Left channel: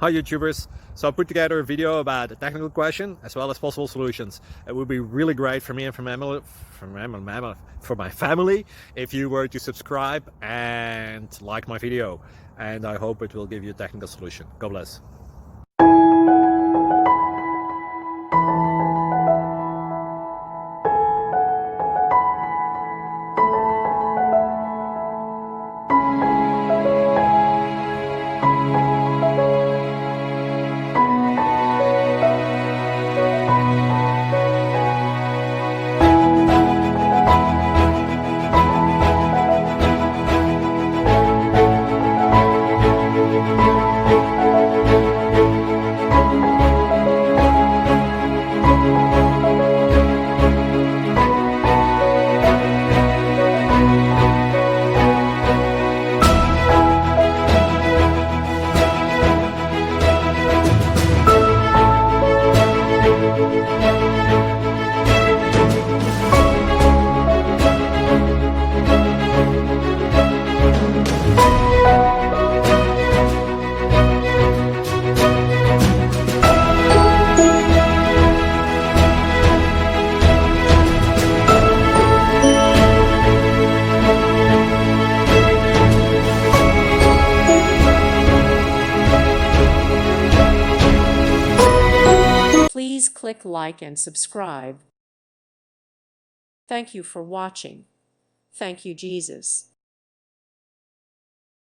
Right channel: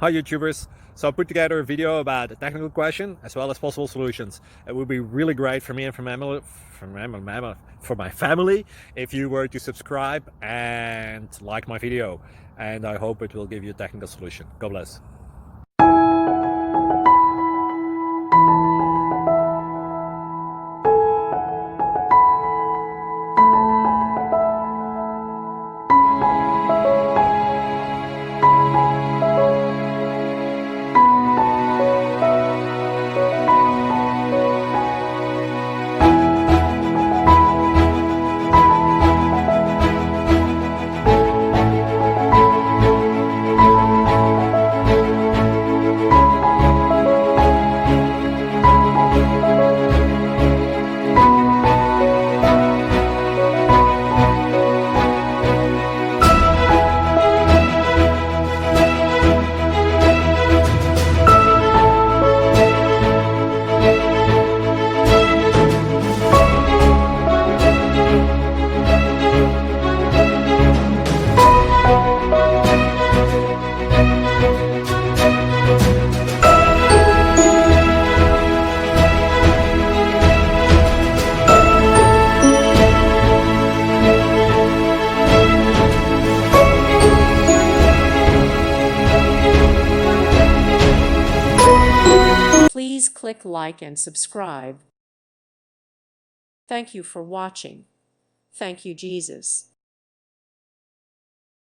Hi YouTubers. So I put together a video about a technical question as well as possible solutions. It would be really great for me and for my family if you were to subscribe and like my video. And I hope it will give you a technical solution. God bless. Please click like and subscribe. Thank you for watching. Thank you, Jesus.